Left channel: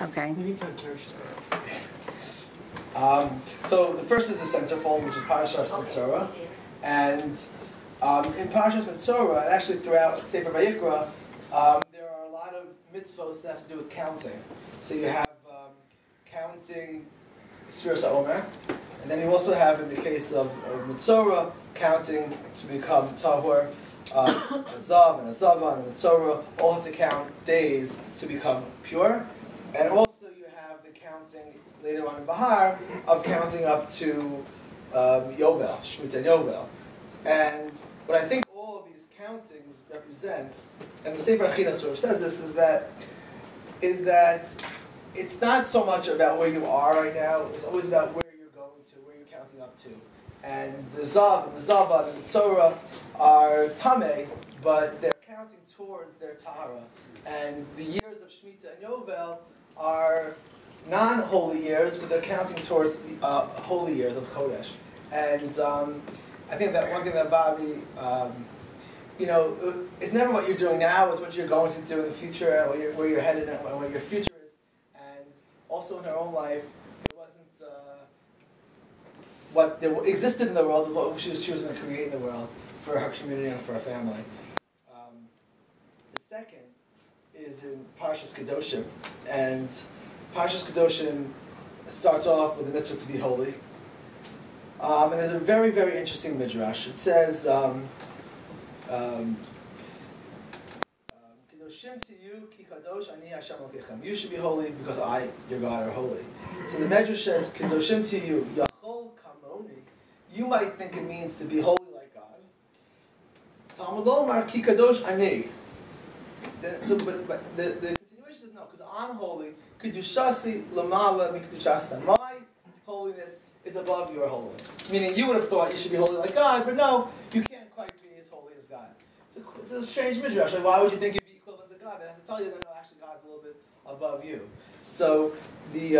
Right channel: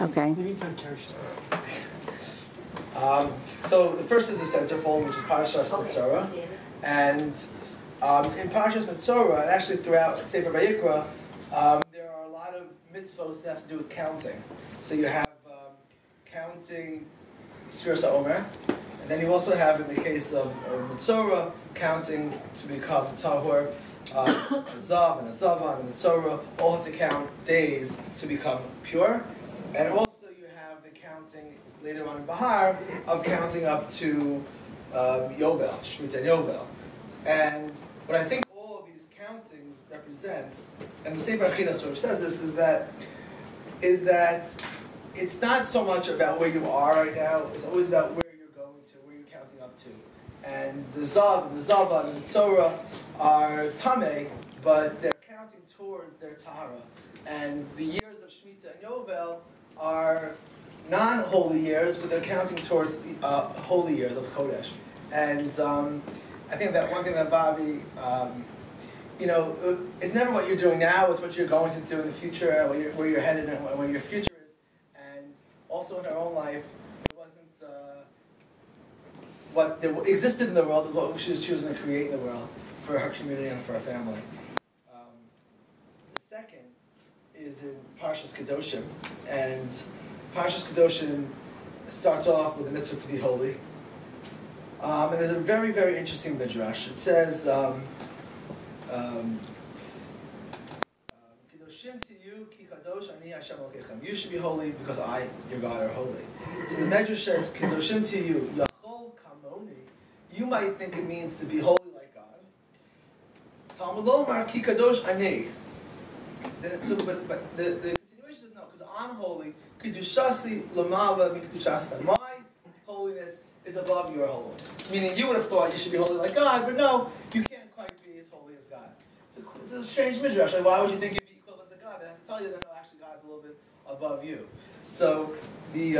Okay. Anytime, Carrie. So the first is the centerfold, which is Parashas Mitzorah, and in Parashas Mitzorah, and actually throughout Sefer Vayikra, there are a lot of mitzvos that have to do with counting. So you have counting Sfiras HaOmer, and then you also have, in the case of Mitzorah, counting to become Tahor, Azav and Azava and Mitzorah, all have to count days to become pure, and also you have the counting later on in Bahar of counting up to Yovel, Shemitah and Yovel. And what I think all of these countings represents, and the Sefer Achina sort of says this, is that it's not so much about where you are right now, it's always about where you're going to, where you're counting up to. And the Zav, the Zava, and the Tzorah are Tameh, but they're counting towards their Tahara. And the years of Shemitah and Yovel are non-holy years, but they're counting towards the holy years of Kodesh. And I think that one thing that Bobby, it's never what you're doing now, it's what you're going to do in the future, and where you're headed, and where your future is. And also in her own life, it wasn't what existed in the world, is what she was going to create in the world for her community and for her family. The second is in Parshas Kedoshim, and Parshas Kedoshim starts off with a mitzvah to be holy. And there's a very, very interesting midrash. It says, Kedoshim to you, ki kadosh ani Hashem Elokechem. You should be holy because I, your God, are holy. So the midrash says, Kedoshim to you, Yachol kamoni. You might think it means to be holy like God. Talmud Lomar ki kadosh ani. So, but the continuation is no, because I'm holy. Kedushasi lamala mikedushasta. My holiness is above your holiness. Meaning, you would have thought you should be holy like God, but no, you can't quite be as holy as God. It's a strange midrash. Like, why would you think you'd be equivalent to God? It has to tell you that no, actually God's a little bit above you. So the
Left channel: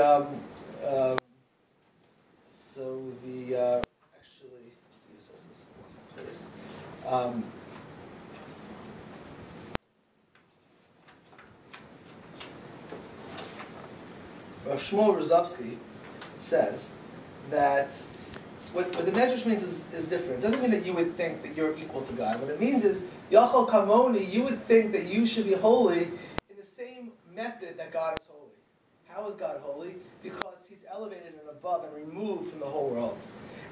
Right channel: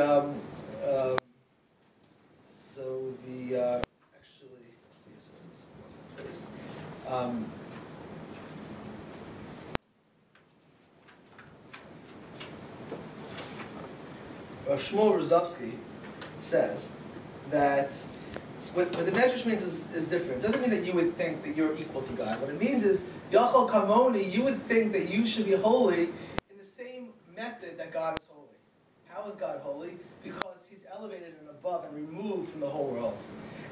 actually, let's see, Rav Shmuel Rozovsky says that what the Medrash means is different. It doesn't mean that you would think that you're equal to God. What it means is, Yachol Kamoni, you would think that you should be holy in the same method that God is holy. How is God holy? Because He's elevated and above and removed from the whole world.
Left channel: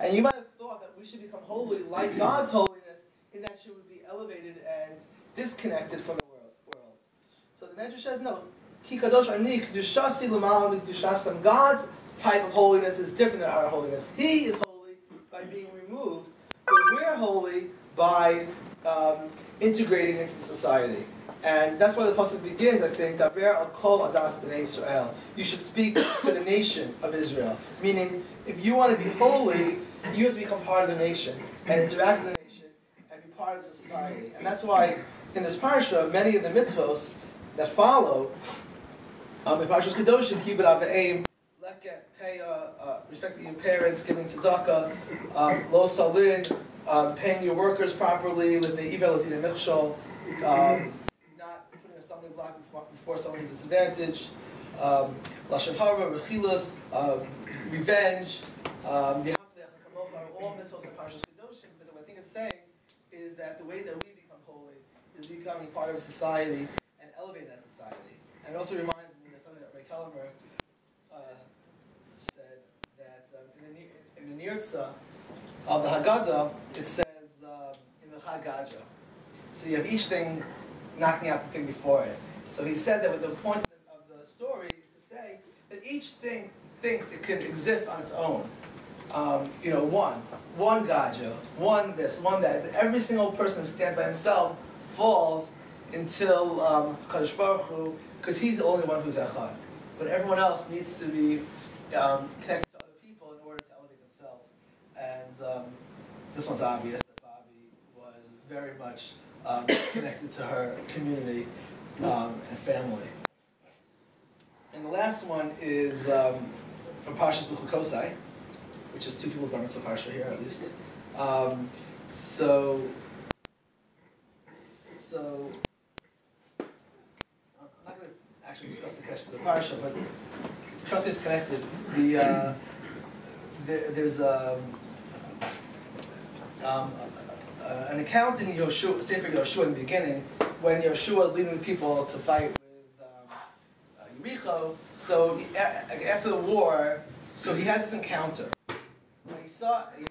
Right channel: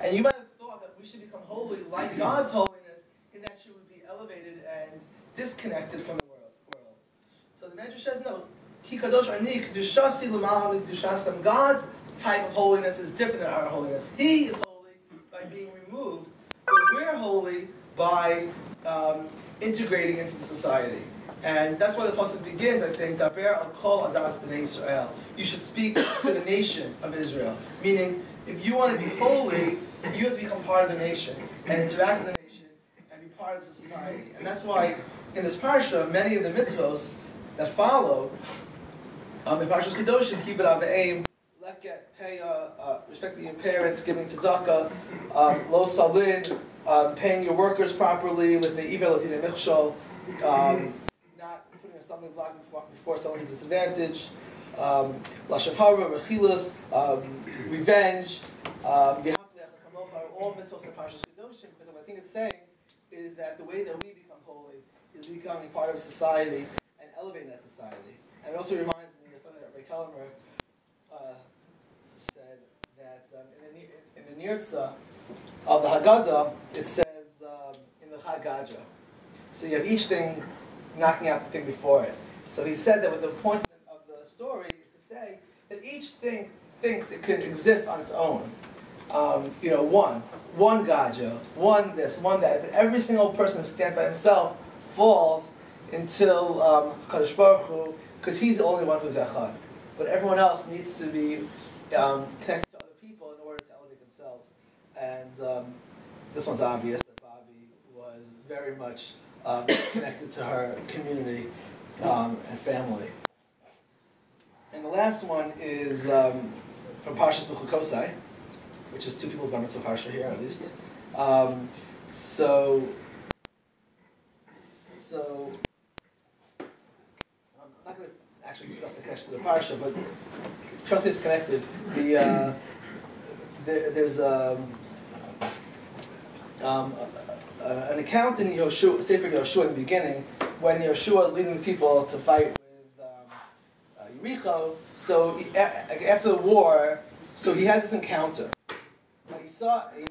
And you might have thought that we should become holy like God's holiness, in that she would be elevated and disconnected from the world. So the Medrash says, no, God's type of holiness is different than our holiness. He is holy by being removed, but we're holy by integrating into the society. And that's why the pasuk begins, I think, Daber al kol adas b'nei Yisrael. You should speak to the nation of Israel. Meaning, if you want to be holy, you have to become part of the nation, and interact with the nation, and be part of the society. And that's why, in this parsha, many of the mitzvos that follow, in Parshas Kedoshim, keep it on the aim, leket, pay, respecting your parents, giving tzedakah, lo salin, paying your workers properly, with the ivel atin michshol, not putting a stumbling block before someone who's disadvantaged, lashon hara, rechilas, revenge, all mitzvos in Parshas Kedoshim, because what I think it's saying is that the way that we become holy is becoming part of society and elevating that society. And it also reminds me of something that Ray Kellemer said, that in the Nirtza of the Haggadah, it says in the Chagaja. So you have each thing knocking out the thing before it. So he said that the point of the story is to say that each thing thinks it could exist on its own. One Gaja, one this, one that. But every single person who stands by himself falls until Kadosh Baruch Hu, because he's the only one who's echad. But everyone else needs to be connected to other people in order to elevate themselves. And this one's obvious, that Bobby was very much connected to her community and family. And the last one is from Parshas B'chukosai, which is two people's bar mitzvah parsha here, at least. So I'm not going to actually discuss the connection to the parsha, but trust me, it's connected. There's an account in Yoshua, Sefer Yoshua in the beginning, when Yoshua is leading the people to fight with Yericho. So after the war, so he has this encounter. He saw, he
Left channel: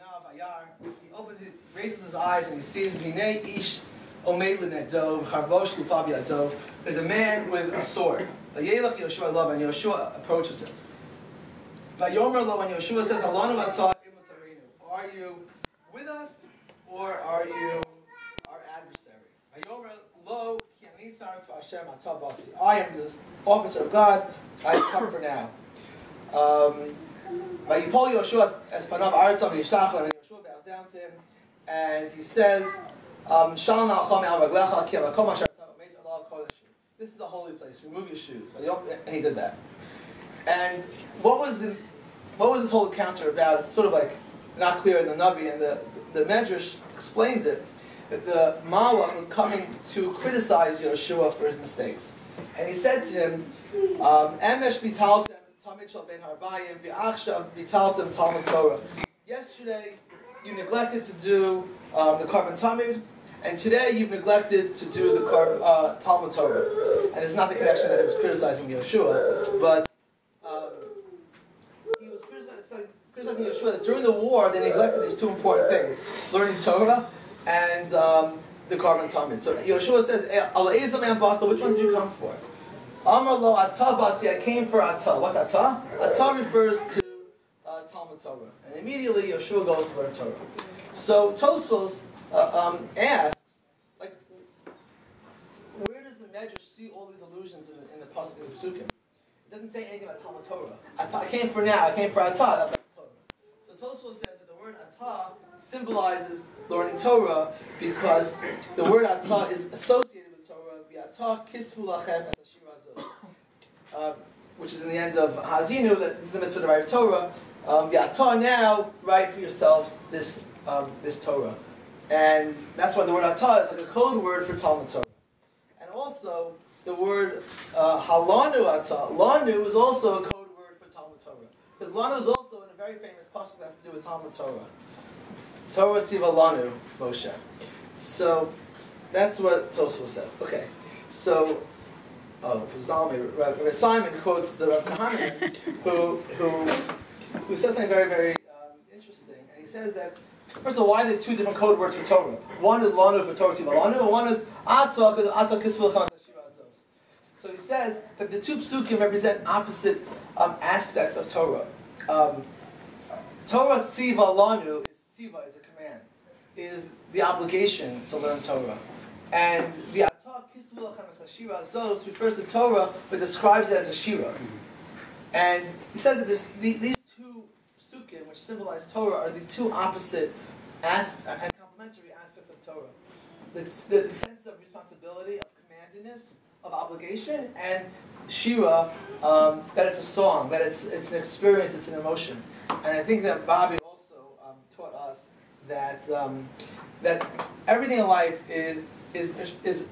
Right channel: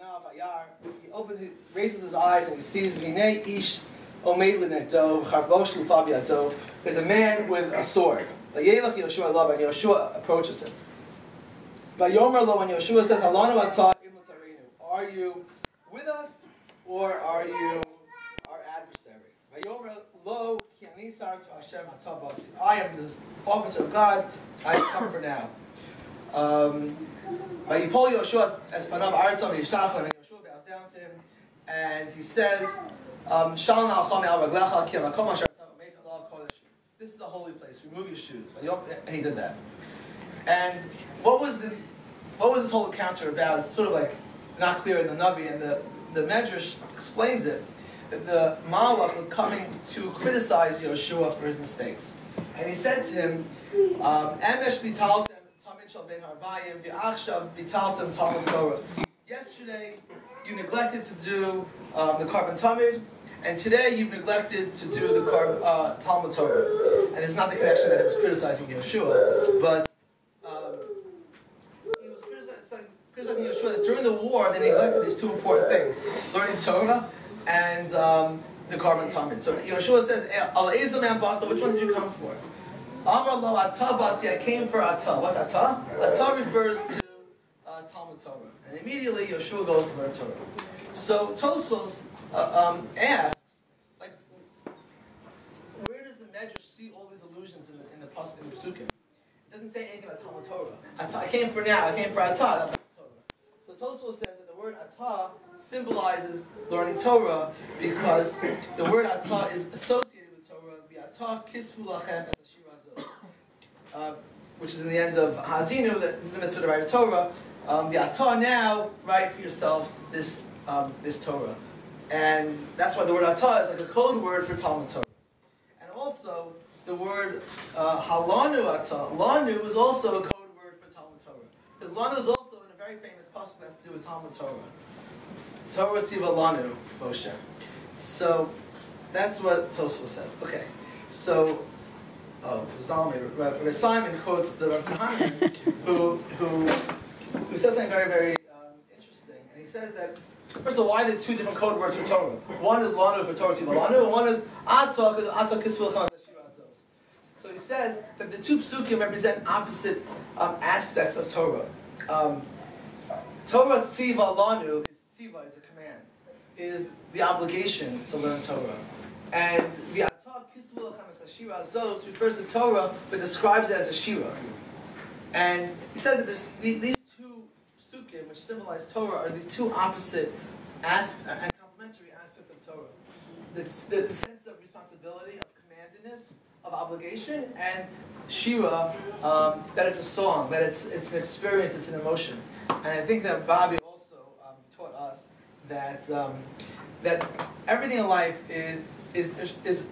raises his eyes and he sees Vinei Ish Omeid L'Negdo Charbosh L'Fav Yado. There's a man with a sword. And Yoshua approaches him. But Yomer Lo, when Yoshua says, Halanu Atzah Imu Tarinu, are you with us or are you our adversary? Yomer Lo, Ki Ani Sartu Hashem Atzah Basi. I am this officer of God. I have come for now. Vayipol Yoshua as Panav Artzav Yishtachon, and Yoshua bows down to him, and he says, Shalom Alcham Al Raglecha Ki Alakom Asher Meit Allah Kodesh. This is a holy place. Remove your shoes. And he did that. And what was this whole encounter about? It's sort of like not clear in the Navi, and the Medrash explains it, that the Malach was coming to criticize Yoshua for his mistakes. And he said to him, Emesh Bitaltem Tamid Shal Ben Harbayim V'achshav Bitaltem Talmud Torah. Yesterday you neglected to do the Korban Tamid, and today you've neglected to do the Talmud Torah. And it's not the connection that he was criticizing Yoshua, but he was criticizing Yoshua that during the war they neglected these two important things: learning Torah and the Korban Tamid. So Yoshua says, "Ala Ezam and Basta, which one did you come for?" Amar Lo Atah Basi, I came for Atah. What's Atah? Atah refers to Talmud Torah, and immediately Yoshua goes to learn Torah. So Tosfos asks, like, where does the Medrash see all these allusions in the pasuk in the Psukim? It doesn't say anything about Talmud Torah. Atah, I came for now. I came for Atah. That's Torah. So Tosfos says that the word Atah symbolizes learning Torah because the word Atah is associated with Torah. The Atah kisfu lachem as which is in the end of Hazinu, that is the mitzvah to write a Torah. The Atah now, write for yourself this Torah. And that's why the word Atah is like a code word for Talmud Torah. And also, the word Halanu Atah, Lanu is also a code word for Talmud Torah. Because Lanu is also in a very famous pasuk that has to do with Talmud Torah. Torah Tziva Lanu, Moshe. So, that's what Tosfos says. Okay, so, for Zalmi, Rabbi Simon quotes the Rav Kahana, who says something very, very interesting. And he says that, first of all, why are there two different code words for Torah? One is Lanu for Torah Tziva Lanu, and one is Atah, because Atah Kisvul Chaz Hashira Azos. So he says that the two psukim represent opposite aspects of Torah. Torah Tziva Lanu is Tziva, is a command, is the obligation to learn Torah. And the Atah Kisvul Chaz Hashira Azos refers to Torah, but describes it as a Shira. And he says that these two psukim, which symbolize Torah, are the two opposite and complementary aspects of Torah. The sense of responsibility, of commandedness, of obligation, and Shira, that it's a song, that it's an experience, it's an emotion. And I think that Babbis also taught us that everything in life is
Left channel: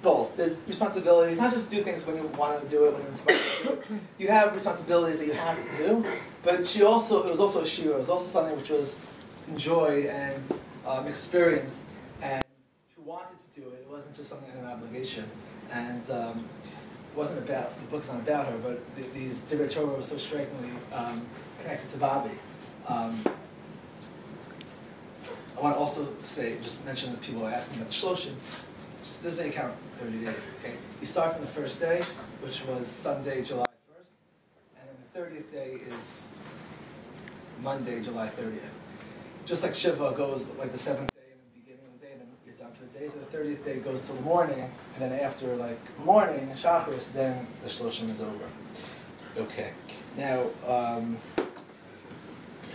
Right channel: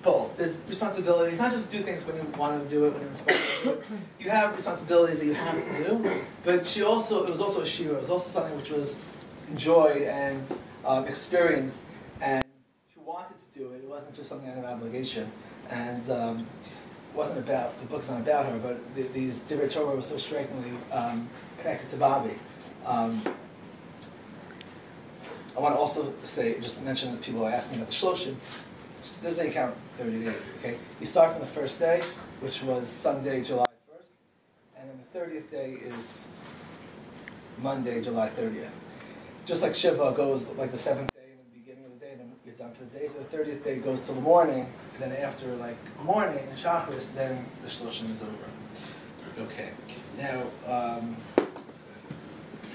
both. There's responsibilities. It's not just do things when you want to do it, when you're inspired to do it. You have responsibilities that you have to do, but it was also a shira. It was also something which was enjoyed and experienced, and she wanted to do it. It wasn't just something an obligation. And it wasn't about, the book's not about her, but these Divrei Torah were so strikingly connected to Babbis. I want to also say, just to mention that people are asking about the shloshim. This is a count 30 days, okay? You start from the first day, which was Sunday, July 1st, and then the 30th day is Monday, July 30th. Just like Shiva goes like the 7th day in the beginning of the day, then you're done for the day, so the 30th day goes till the morning, and then after like morning, Shacharis, then the shloshim is over. Okay. Now,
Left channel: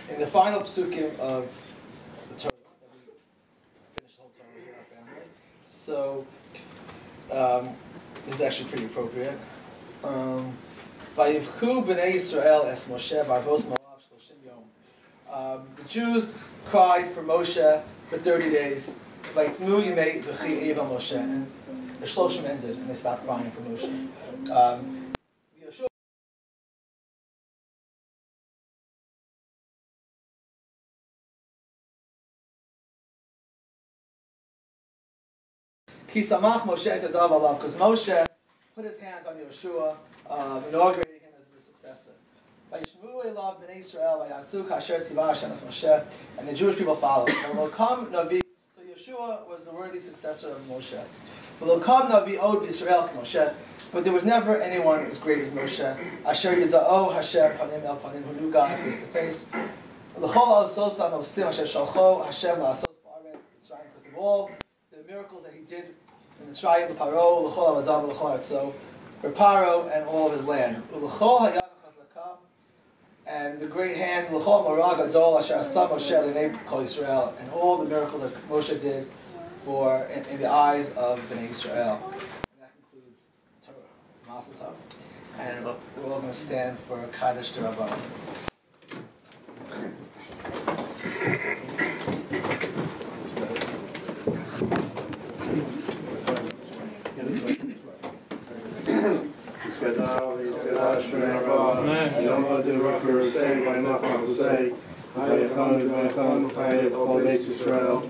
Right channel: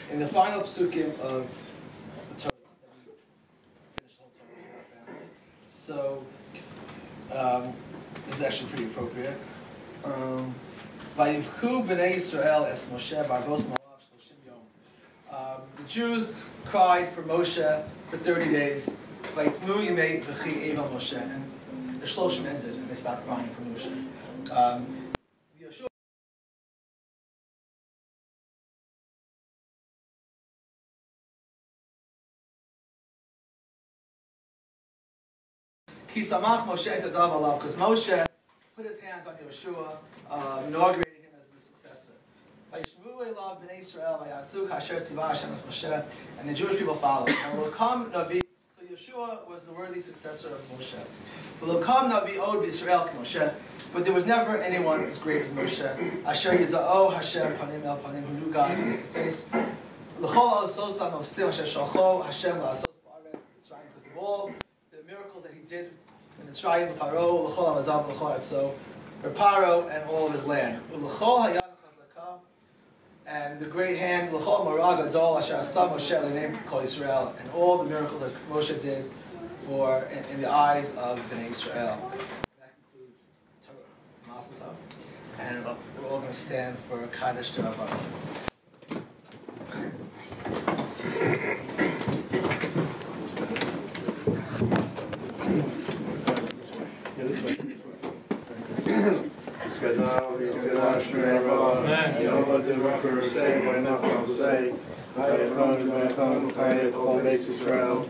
in the final psukim of so, this is actually pretty appropriate. Vayivchu b'nei Yisrael es Moshe b'arvos moav shloshim yom. The Jews cried for Moshe for 30 days. Vayifnu yimei v'chi eva Moshe. And the shloshim ended, and they stopped crying for Moshe. Yoshua Ki samach Moshe Zadav Alav, because Moshe put his hands on Yeshua, inaugurating him as the successor. And the Jewish people followed. And will come Navi. So Yeshua was the worthy successor of Moshe. Will come Navi Od Yisrael Moshe, but there was never anyone as great as Moshe. Asher Yitzao Hashem Panim El Panim, who knew God face to face. L'chol Osos Lanosim Asher Shalcho Hashem La'asos Ba'aretz Mitzrayim, because of all the miracles that he did in Mitzrayim, L'Paro, L'chol Avadav, L'chol Atzo, for Paro and all of his land. L'chol Hayad Chazakah, and the great hand, L'chol Marag Adol Asher Asam Moshe L'nei Kol Yisrael, and all the miracles that Moshe did for in the eyes of Bnei Israel. And that concludes Torah. Masatov. And we're all going to stand for Kaddish to Rabban. Israel,